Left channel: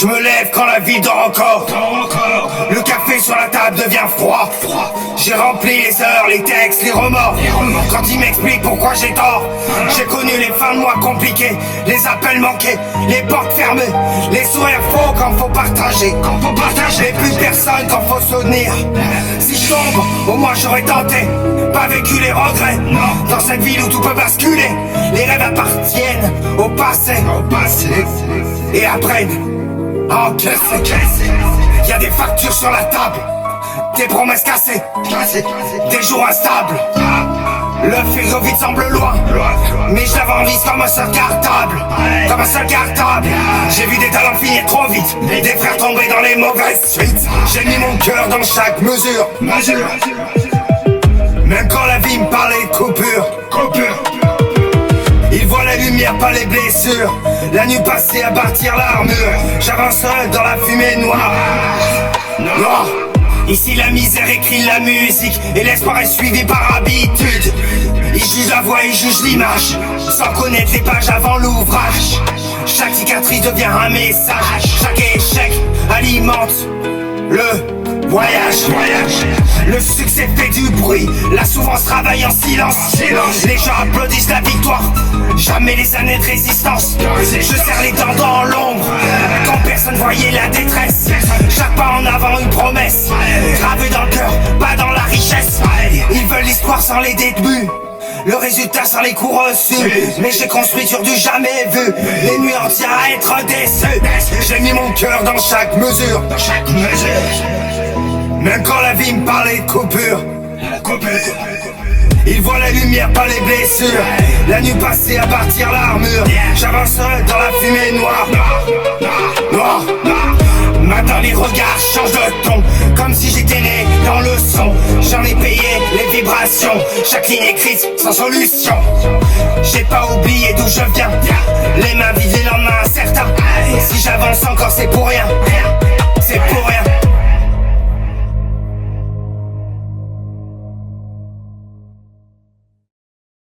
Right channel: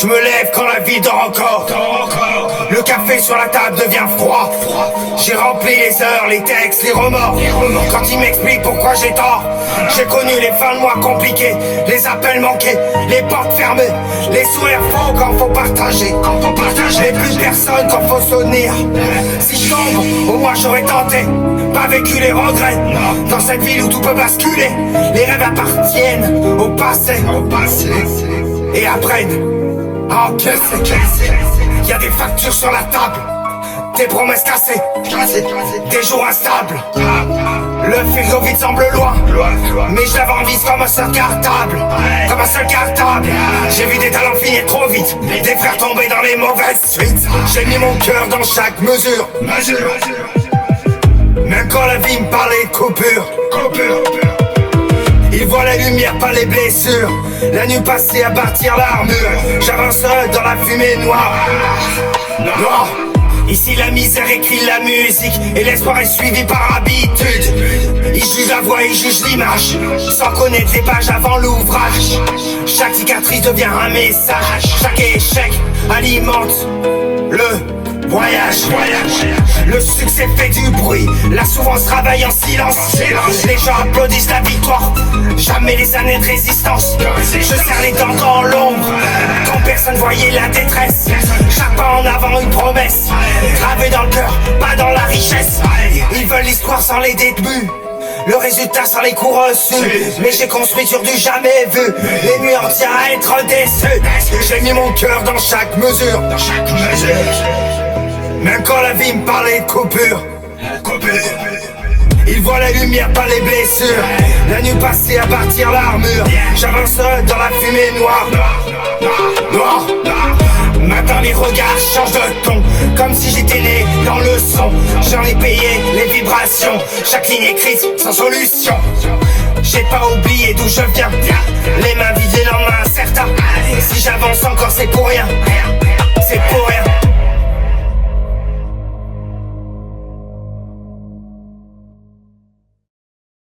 Je me lève quand la ville dort encore. Le café sur la table devient froid. J'ai rempli les heures, les textes, les remords. Quand ils m'expliquent pourquoi j'ai tort. J'ai connu les fins de mois compliquées, les appels manqués, les portes fermées, les sourires faux quand faut partager. Et plus personne quand faut soutenir. Si je tombe, au moins j'aurais tenté. Pas vécu les regrets. Dans cette ville où tout peut basculer, les rêves appartiennent au passé. Et apprennent à encaisser. Y'a des factures sur la table, des promesses cassées, des jours instables. Le frigo vide semble loin, mais je l'avais en vis comme un seul cartable. J'ai vu des talents finir trop vite, et des frères tomber dans les mauvaises suites. J'ai mis mon cœur dans chaque mesure. Même quand la vie me parlait de coupure. Il voit la lumière, pas les blessures. La nuit passée à bâtir l'armure. J'avance seul dans la fumée noire. Ici la misère écrit la musique, et l'espoir est suivi par habitude. Ils jugent la voix, ils jugent l'image, sans connaître les pages avant l'ouvrage. Chaque cicatrice devient un message. Chaque échec alimente le voyage. Le succès fait du bruit, la souffrance travaille en silence. Les gens applaudissent la victoire, jamais les années de résistance. Je serre les dents dans l'ombre, quand personne voyait la détresse. Chaque pas en avant une promesse, gravée dans le cœur, pas dans la richesse. Ils veulent l'histoire sans les débuts, le résultat sans les coups reçus. Mais j'ai construit sur du jamais vu, les murs tiennent à être déçus. J'ai mis mon cœur dans chaque mesure. Même quand la vie me parlait de coupure. Il voit la lumière, pas les blessures. La nuit passée à bâtir l'armure. J'avance seul dans la fumée noire. Maintenant les regards changent de ton, comme si j'étais né dans le son. J'en ai payé les vibrations, chaque ligne écrite sans solution. J'ai pas oublié d'où